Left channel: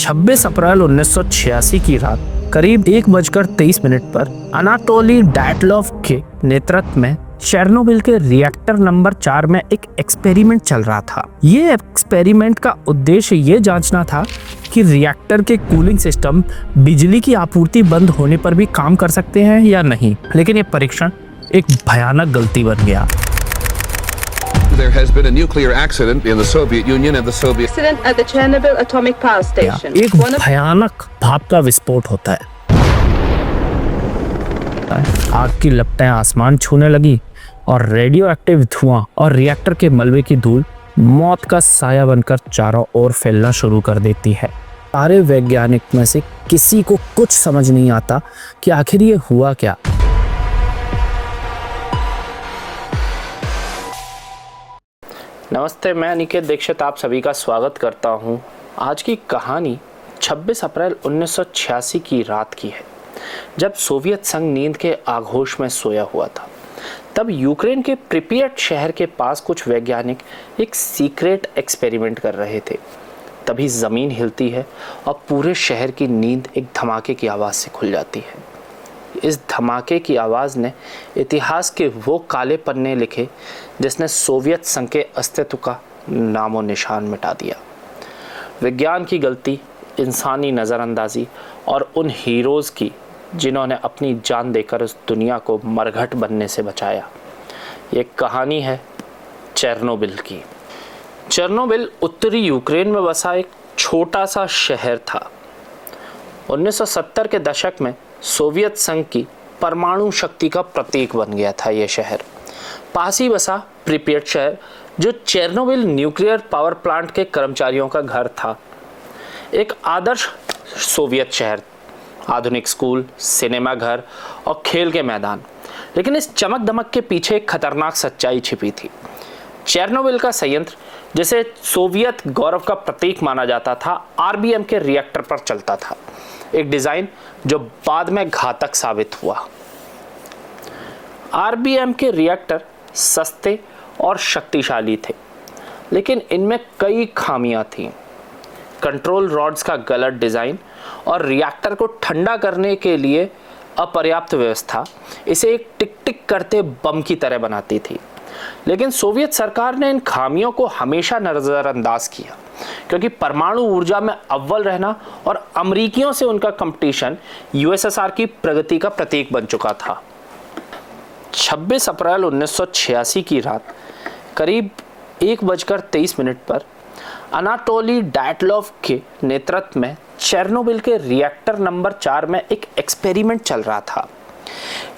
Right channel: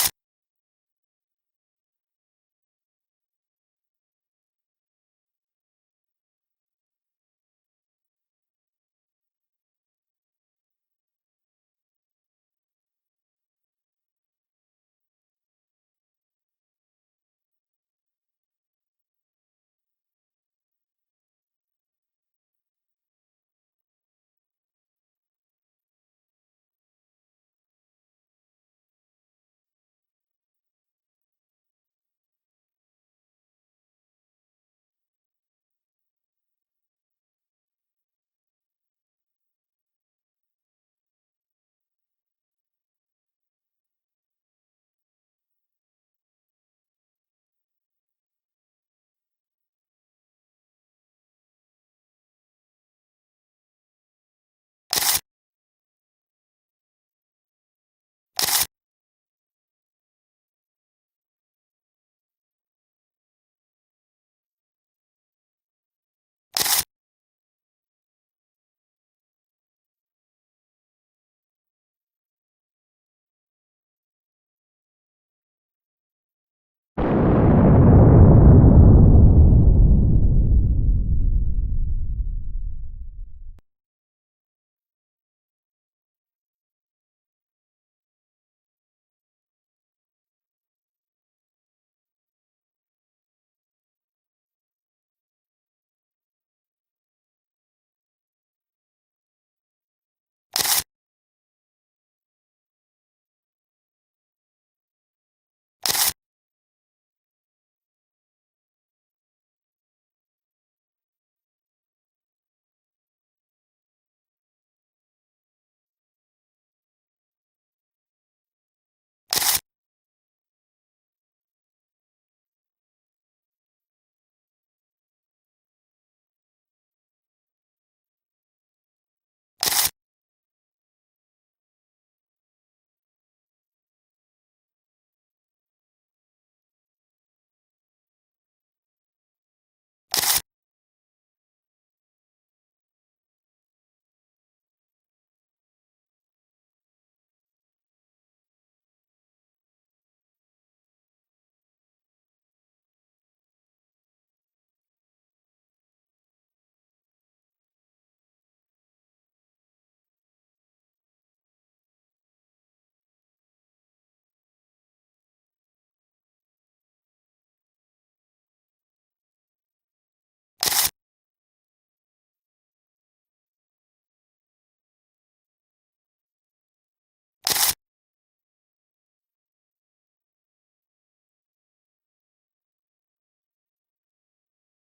26 अप्रैल 1986 की रात करीब 1:23 पर अनाटोली डैटलॉव के नेतृत्व में चेर्नोबिल के रिएक्टर नंबर 4 में एक एक्सपेरिमेंट चल रहा था। ये एक्सपेरिमेंट का उद्देश्य ये जांचना था कि रिएक्टर के कूलिंग सिस्टम बिजली की आपूर्ति बंद होने पर भी काम कर सकते हैं या नहीं। लेकिन ये परीक्षण एक भयानक गलती बन गया। There has been a nuclear accident in the Soviet Union and the Soviet accident at the Chernobyl atomic power station. एक भयानक भाप का विस्फोट होता है। आग की लपटें आसमान छूने लगी और रेडियो एक्टिव धुआं और रिएक्टर के मलबे की धूल मौत का साया बनकर चारों ओर फैलना शुरू कर देती है। सारे वैज्ञानिक में से किसी को कुछ समझ नहीं आता कि आखिर ये हुआ क्या। नमस्ते, मैं अनिकेत दीक्षित आप सभी का स्वागत करता हूं। आज की कहानी 26 अप्रैल 1986 की रात की है, जब सोवियत संघ नींद के आगोश में सोया हुआ था। तब यूक्रेन के प्रिपियट शहर के पास कुछ वैज्ञानिक एक सीक्रेट एक्सपेरिमेंट कर रहे थे। तभी ज़मीन हिलती है और पूरे शहर की नींद एक धमाके की आवाज़ से खुल जाती है। इस धमाके की आवाज़ ने इतिहास के वो काले पन्ने लिखे जिसने सोवियत संघ के अस्तित्व का नामो निशान मिटा दिया। विज्ञान की गलती, इंसानी नज़रअंदाजी और उन हीरोज़ की जिन्होंने अपनी जान देकर उस दुनिया को मरघट बनने से बचाया। ये कहानी है चेर्नोबिल की। चेर्नोबिल उत्तरी यूक्रेन में बसा एक छोटा सा शहर था। 1970 के दशक में सोवियत संघ की परमाणु शक्ति का प्रतीक बन गया था ये शहर। पास ही बसा प्रिपियट शहर, जो चेर्नोबिल न्यूक्लियर पावर प्लांट के कर्मचारियों का घर था। एक आदर्श सोवियत शहर, आधुनिक स्कूल, सिनेमा घर और खेल के मैदान। लेकिन इस चमक दमक के पीछे एक खतरनाक सच्चाई छिपी थी। चेर्नोबिल का संयंत्र, जिसे सोवियत गौरव का प्रतीक माना जाता था, आरबीएम के रिएक्टर पर चलता था। एक डिजाइन जो बाद में घातक साबित हुआ। आरबीएम के रिएक्टर सस्ते और शक्तिशाली थे, लेकिन इनमें कई खामियां थीं। कंट्रोल रॉड्स का गलत डिजाइन और रिएक्टर को ठंडा करने के लिए अपर्याप्त व्यवस्था इसे एक टिक टिक करते बम की तरह बनाती थी। लेकिन सोवियत सरकार ने इन खामियों को हमेशा नजरअंदाज किया, क्योंकि परमाणु ऊर्जा में अव्वल रहना और अमेरिकियों से उनका कंपटीशन यूएसएसआर की प्रगति का प्रतीक बन चुका था। 26 अप्रैल 1986 की रात करीब 1:23 पर अनाटोली डैटलॉव के नेतृत्व में चेर्नोबिल के रिएक्टर नंबर 4 में एक एक्सपेरिमेंट चल रहा था।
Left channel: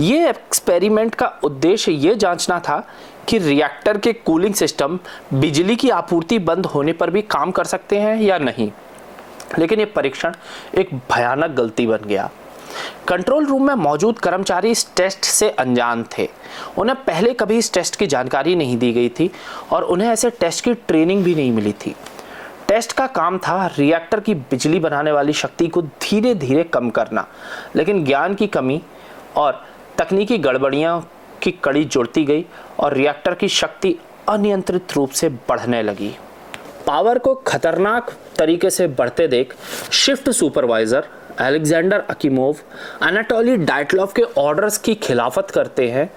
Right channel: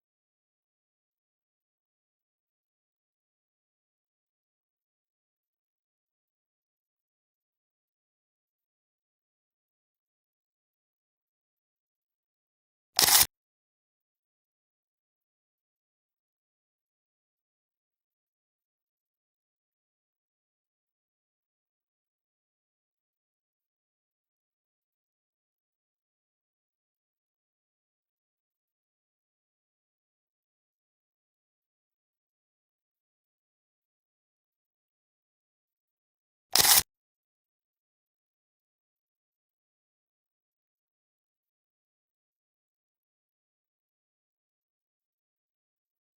ये एक्सपेरिमेंट का उद्देश्य ये जांचना था कि रिएक्टर के कूलिंग सिस्टम बिजली की आपूर्ति बंद होने पर भी काम कर सकते हैं या नहीं। लेकिन ये परीक्षण एक भयानक गलती बन गया। कंट्रोल रूम में मौजूद कर्मचारी इस टेस्ट से अनजान थे। उन्हें पहले कभी इस टेस्ट की जानकारी नहीं दी गई थी और उन्हें ऐसे टेस्ट की ट्रेनिंग भी नहीं मिली थी। टेस्ट का काम था रिएक्टर की बिजली बनाने वाली शक्ति को धीरे धीरे कम करना, लेकिन ज्ञान की कमी और तकनीकी गड़बड़ियां की कड़ी जुड़ती गई और रिएक्टर की शक्ति अनियंत्रित रूप से बढ़ने लगी। पावर को खतरनाक तरीके से बढ़ते देख शिफ्ट सुपरवाइजर अलेक्जेंडर अकीमोव अनाटोली डैटलॉव के ऑर्डर्स की खिलाफत करते हैं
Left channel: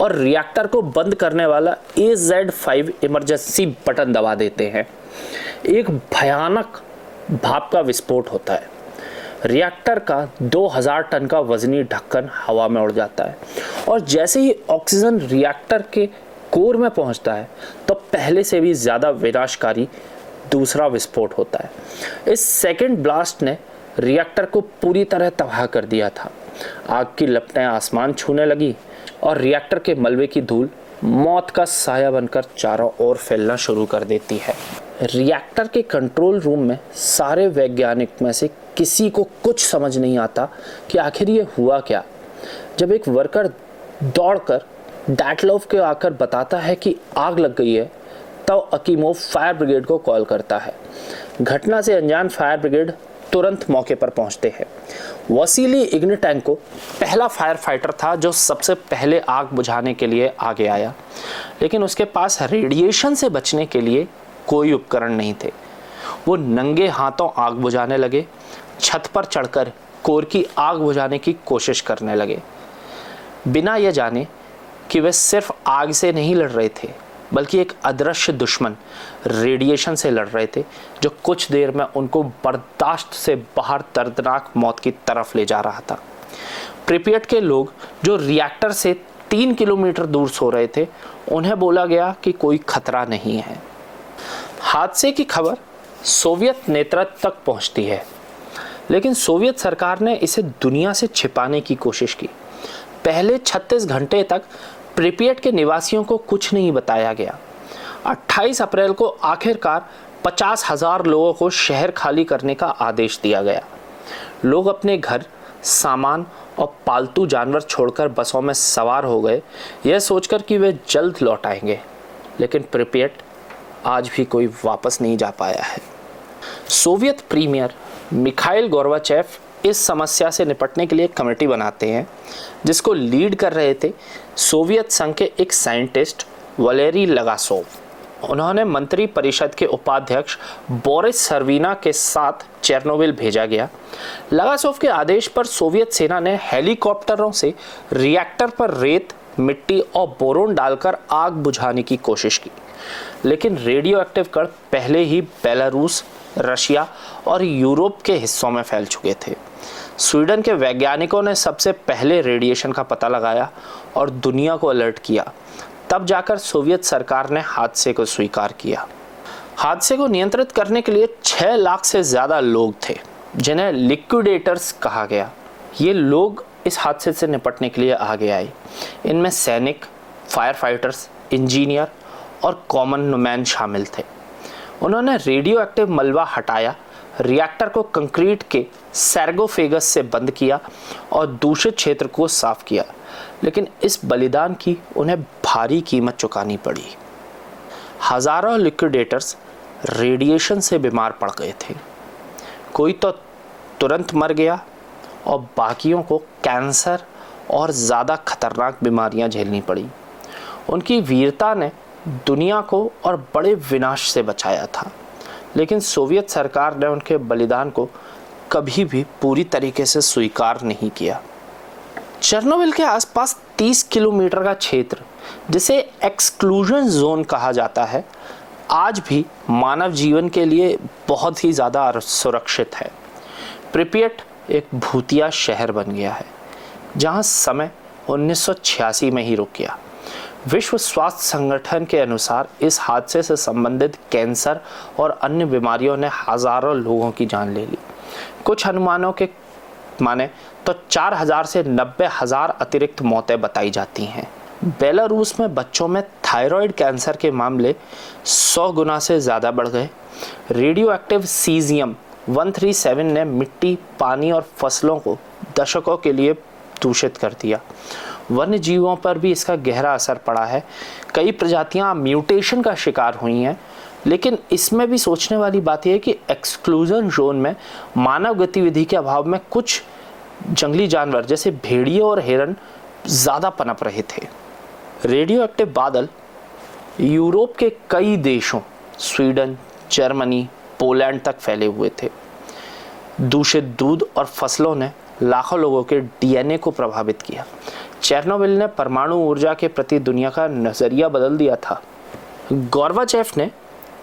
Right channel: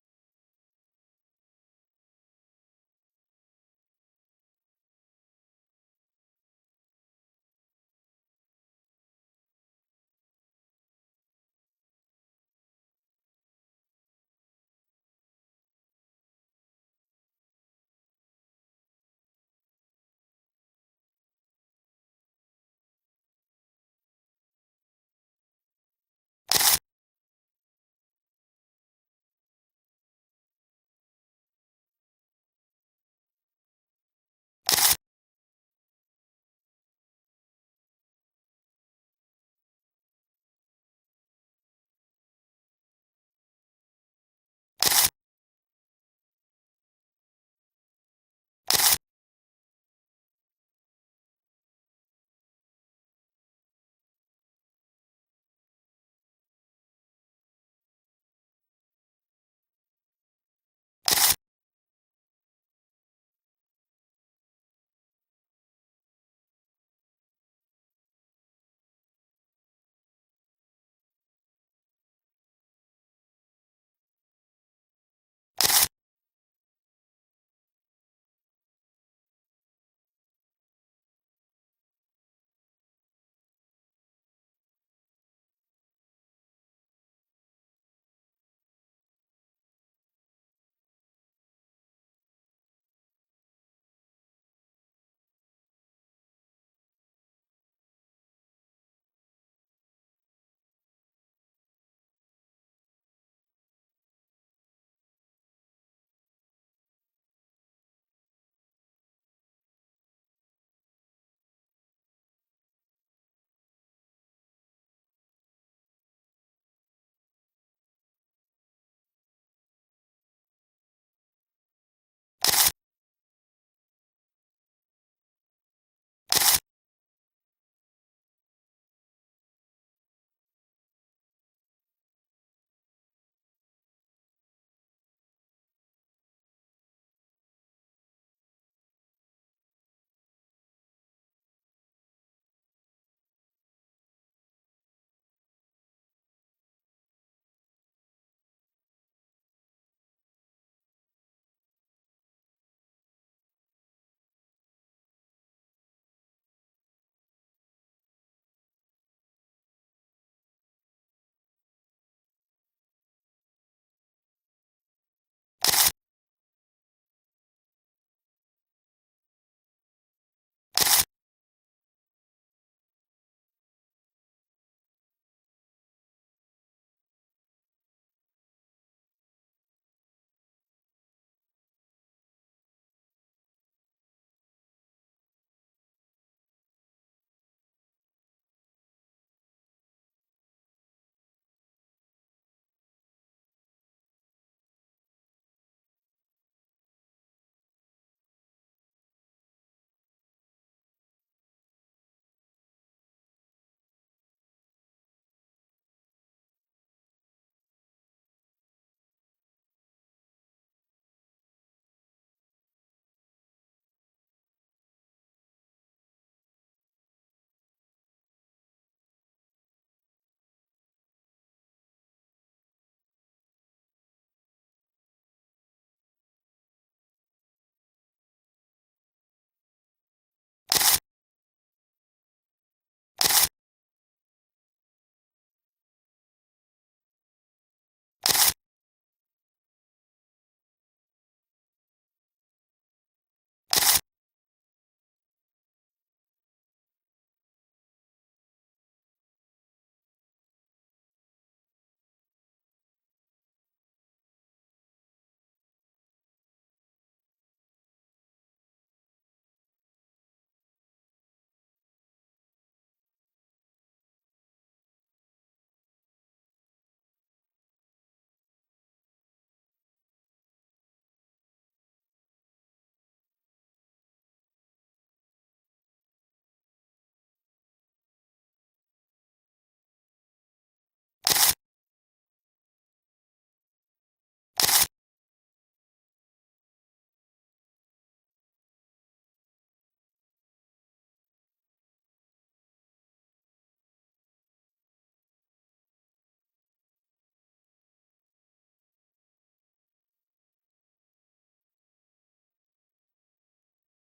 और रिएक्टर को बंद करने वाला AZ5 इमरजेंसी बटन दबा देते हैं। एक भयानक भाप का विस्फोट होता है। रिएक्टर का 2000 टन का वजनी ढक्कन हवा में उड़ जाता है और जैसे ही ऑक्सीजन रिएक्टर के कोर में पहुंचता है तो पहले से भी ज़्यादा विनाशकारी दूसरा विस्फोट होता है। इस सेकेंड ब्लास्ट ने रिएक्टर को पूरी तरह तबाह कर दिया था। आग की लपटें आसमान छूने लगी और रिएक्टर के मलबे की धूल मौत का साया बनकर चारों ओर फैलना शुरू कर देती है। रिएक्टर के कंट्रोल रूम में सारे वैज्ञानिक में से किसी को कुछ समझ नहीं आता कि आखिर ये हुआ क्या। जब एक वर्कर दौड़कर डैटलॉव के आकर बताता है कि आग लग गई है, तब अकीमोव फायर ब्रिगेड को कॉल करता है। घटना से अनजान फायर ब्रिगेड तुरंत मौके पर पहुंचते हैं। वसीली इग्निटेंको पहला फायर फाइटर था जो सबसे पहले आग बुझाने के लिए आगे आया, लेकिन उसके पास रेडिएशन से बचने के लिए कोई उपकरण नहीं थे। वो नंगे हाथों आग बुझाने लगे, छत पर चढ़कर कोर की आग बुझाने की कोशिश करने लगे, बिना यह जाने कि वे सिर्फ आग से नहीं लड़ रहे थे, बल्कि एक अदृश्य दुश्मन रेडिएशन से लड़ रहे थे, जो कुछ देर में उनको बर्दाश्त से बाहर दर्दनाक मौत की तरफ ले जा रहा था। प्रिपियट के लोग जो रिएक्टर से 3 किलोमीटर दूर सो रहे थे, उन्हें बोला गया कि कोई खतरा नहीं है। हादसे की खबर सोवियत नेतृत्व तक पहुंचती है, लेकिन सोवियत सरकार ने इसे दुनिया से छिपाने की कोशिश की। पहले 36 घंटे तक प्रिपियट के निवासियों को कुछ नहीं बताया गया। 28 अप्रैल को आखिरकार 50,000 लोगों को शहर खाली करने का आदेश दिया गया। लोग अपने घर, सामान और पालतू जानवर छोड़कर बसों में सवार हो गए, यह सोचकर कि वे जल्द लौट आएंगे। लेकिन प्रिपियट आज भी कोई वापस नहीं जा पाया है। सोवियत प्रीमियर मिखाइल गोर्बाचेव इस समस्या से निपटने के लिए एक कमेटी बनाते हैं, जिसको लीड कर रहे थे सोवियत संघ के एक साइंटिस्ट वलेरी लगासोव। उन्होंने मंत्री परिषद के उपाध्यक्ष बोरिस सर्विना के साथ चेरनोबिल भेजा गया। लगासोव के आदेश पर सोवियत सेना ने हेलीकॉप्टरों से रिएक्टर पर रेत, मिट्टी और बोरोन डालकर आग बुझाने की कोशिश की, लेकिन रेडियो एक्टिव कण पहले ही बेलारूस, रशिया और यूरोप के हिस्सों में फैल चुके थे। स्वीडन के वैज्ञानिकों ने सबसे पहले रेडिएशन का पता लगाया और दुनिया को अलर्ट किया। तब जाकर सोवियत सरकार ने हादसे को स्वीकार किया। हादसे को नियंत्रित करने के लिए 6 लाख से ज़्यादा लोग थे, जिन्हें लिक्विडेटर्स कहा गया। ये लोग इस हादसे से निपटने के लिए आगे आए। इनमें सैनिक, फायर फाइटर्स, इंजीनियर और कॉमन मैन शामिल थे। उन्होंने रेडियो एक्टिव मलबा हटाया, रिएक्टर को कंक्रीट के सैर्गोफेगस से बंद किया और दूषित क्षेत्र को साफ किया, लेकिन इस बलिदान की उन्हें भारी कीमत चुकानी पड़ी। हजारों लिक्विडेटर्स रेडिएशन से बीमार पड़ गए थे। कोई तो तुरंत मर गया और बाकियों को कैंसर और ज़्यादा खतरनाक बीमारियां झेलनी पड़ी। उनकी वीरता ने दुनिया को और बड़े विनाश से बचाया था, लेकिन सोवियत सरकार ने उनके बलिदान को कभी भी पूरी तरीके से स्वीकार नहीं किया। चेरनोबिल के आसपास 30 किलोमीटर का क्षेत्र, जिसे एक्सक्लूजन जोन कहा जाता है, आज भी मानव जीवन के लिए बहुत ही ज़्यादा सुरक्षित है। प्रिपियट एक भूतिया शहर बन गया है, जहां समय 1986 में ही रुक गया। विश्व स्वास्थ्य संगठन के अनुसार इस हादसे से संबंधित कैंसर और अन्य बीमारियों ने हजारों लोगों की जान ले ली। कुछ अनुमानों के माने तो 4,000 से 90,000 अतिरिक्त मौतें बताई जाती हैं। बेलारूस में बच्चों में थायराइड कैंसर के मामले 100 गुना से ज़्यादा बढ़ गए। रेडियो एक्टिव सीजियम 137 ने मिट्टी, पानी और फसलों को दशकों के लिए दूषित कर दिया। वन्य जीवों पर भी इसका गहरा असर पड़ा है। कई प्रजातियां म्यूटेशन का शिकार हुई हैं, लेकिन इसमें भी सोचने वाली बात यह है कि एक्सक्लूजन जोन में मानव गतिविधि के अभाव में कुछ जंगली जानवर जैसे भेड़िए और हिरन ज़्यादा पनप रहे थे। रेडियो एक्टिव बादल यूरोप के कई देशों, स्वीडन, जर्मनी, पोलैंड तक फैले हुए थे। दूषित दूध और फसलों ने लाखों लोगों के डीएनए को प्रभावित किया। चेरनोबिल ने परमाणु ऊर्जा के प्रति दुनिया का नजरिया बदल दिया था। गोर्बाचेव ने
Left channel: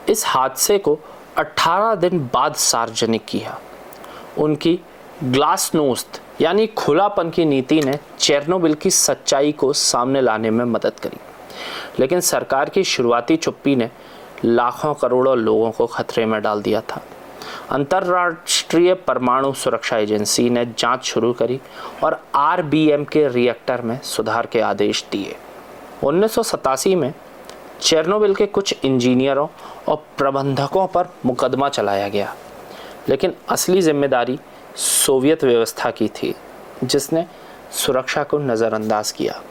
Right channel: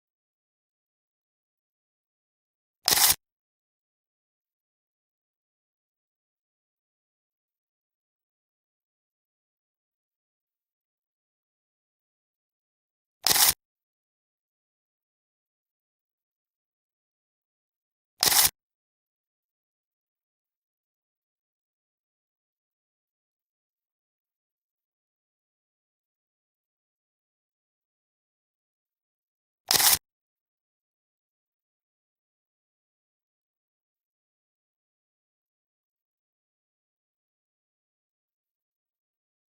इस हादसे को 18 दिन बाद सार्वजनिक किया। उनकी ग्लासनोस्त यानी खुलापन की नीति ने चेरनोबिल की सच्चाई को सामने लाने में मदद करी, लेकिन सरकार की शुरुआती चुप्पी ने लाखों करोड़ों लोगों को खतरे में डाल दिया था। अंतर्राष्ट्रीय परमाणु सुरक्षा एजेंसी ने जांच शुरू करी और आरबीएम के रिएक्टर में सुधार के आदेश दिए। 1987 में चेरनोबिल के कुछ इंजीनियरों और प्रबंधकों पर मुकदमा चलाया गया, लेकिन असली जिम्मेदारी सोवियत व्यवस्था की थी, जिसने सुरक्षा को नज़रअंदाज किया।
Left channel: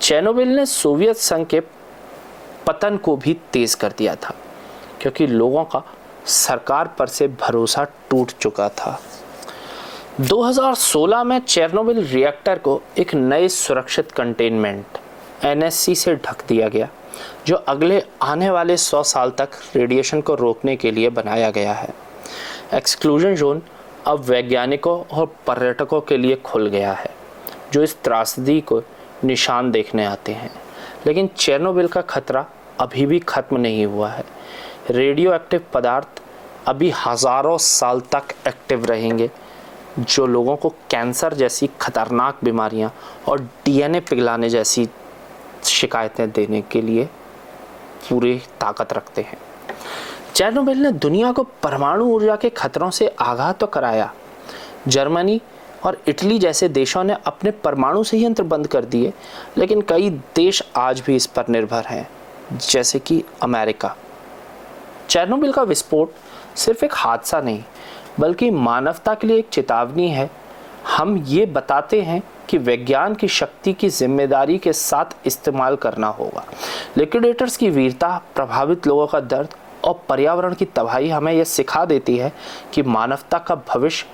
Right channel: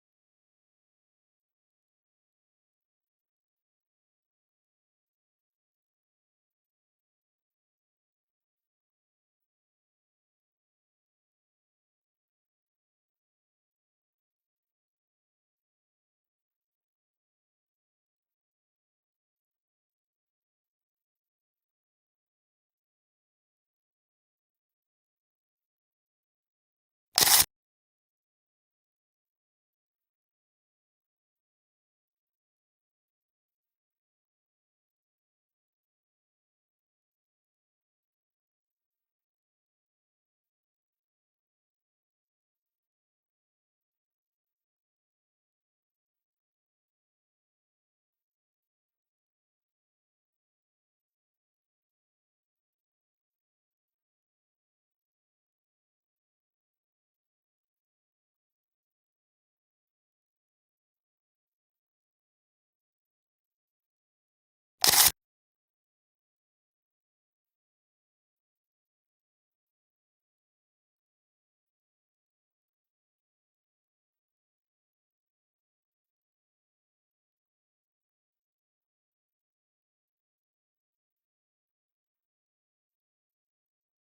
चेरनोबिल ने सोवियत संघ के पतन को भी तेज कर दिया था, क्योंकि लोगों का सरकार पर से भरोसा टूट चुका था। 2016 में चेरनोबिल रिएक्टर को एक नए सुरक्षित कंटेनमेंट (NSC) से ढक दिया गया, जो अगले आने वाले 100 साल तक रेडिएशन को रोकने के लिए बनाया गया है। एक्सक्लूजन जोन अब वैज्ञानिकों और पर्यटकों के लिए खुल गया है, जो इस त्रासदी को निशान देखने आते हैं। लेकिन चेरनोबिल का खतरा अभी भी खत्म नहीं हुआ है। रेडियो एक्टिव पदार्थ अभी हज़ारों साल तक एक्टिव रहेंगे, जो लोगों को कैंसर जैसी खतरनाक बीमारियां और डीएनए पिघलाने जैसी शिकायतें देने के लिए पूरी ताकत रखते हैं। चेरनोबिल ने दुनिया को परमाणु ऊर्जा के खतरों से आगाह तो कराया। जर्मनी और इटली जैसे देशों ने अपने परमाणु संयंत्र बंद कर दिए, लेकिन कई देश आज भी इस पर निर्भर हैं, जैसे कि अमेरिका। चेरनोबिल का विस्फोट सिर्फ एक हादसा नहीं, बल्कि मानवता के लिए एक चेतावनी है। हम ये बताते हैं कि विज्ञान की शक्ति की जिम्मेदारी के साथ इस्तेमाल करना होगा। लिक्विडेटर्स की वीरता, प्रभावित लोगों का दर्द और पर्यावरण की तबाही हमें यह सिखा देती है कि मानवता का भविष्य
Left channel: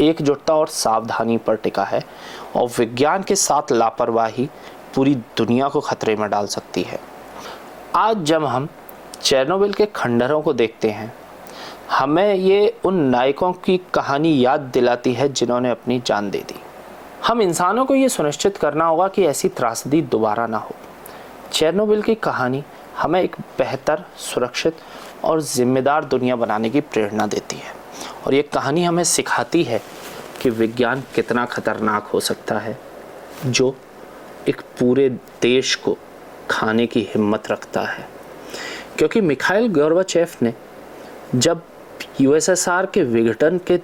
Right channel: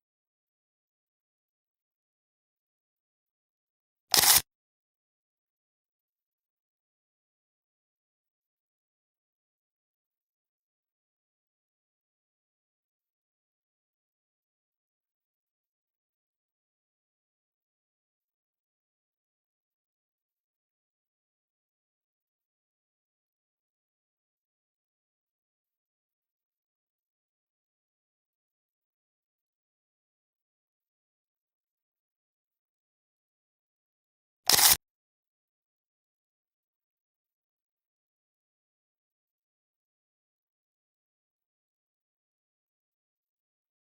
एकजुटता और सावधानी पर टिका है, और विज्ञान के साथ लापरवाही पूरी दुनिया को खतरे में डाल सकती है। आज जब हम चेरनोबिल के खंडहरों को देखते हैं, हमें ये उन नायकों की कहानी याद दिलाती है जिन्होंने अपनी जान दे दी। हम इंसानों को ये सुनिश्चित करना होगा कि ऐसी त्रासदी दोबारा ना हो। चेरनोबिल की कहानी हमें एक बेहतर, सुरक्षित और जिम्मेदार दुनिया बनाने की प्रेरणा देती है, और ये कहानी हमें सिखाती है कि विज्ञान कितना खतरनाक हो सकता है, जो एक पूरे देश को खाने की हिम्मत रखता है। क्योंकि मिखाइल गोर्बाचेव ने जब यूएसएसआर के विघटन के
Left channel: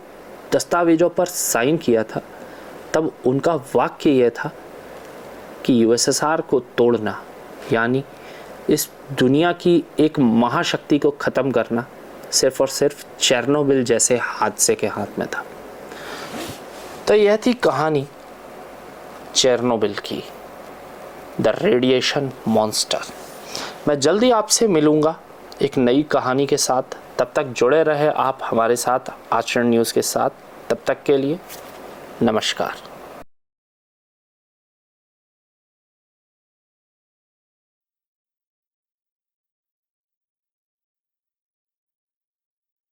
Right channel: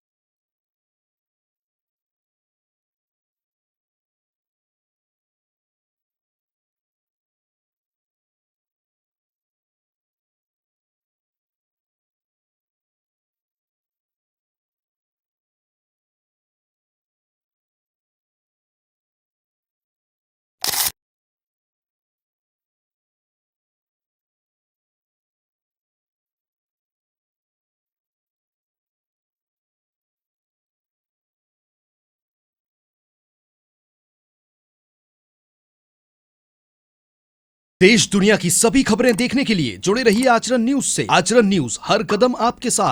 दस्तावेजों पर साइन किया था, तब उनका वाक्य यह था कि यूएसएसआर को तोड़ना यानी इस दुनिया की एक महाशक्ति को ख़त्म करना सिर्फ और सिर्फ चेरनोबिल जैसे हादसे के हाथ में था। तो यह थी कहानी चेरनोबिल की, द रेडिएशन मॉन्स्टर। मैं जल्दी आपसे मिलूँगा एक नई कहानी के साथ। तब तक जुड़े रहे आप हमारे साथ आचरण न्यूज़ के साथ। तब तक के लिए नमस्कार। देश दुनिया की सभी खबरें देखने के लिए जुड़े रहिए आचरण न्यूज से। आचरण न्यूज, हर कदम आपके साथ।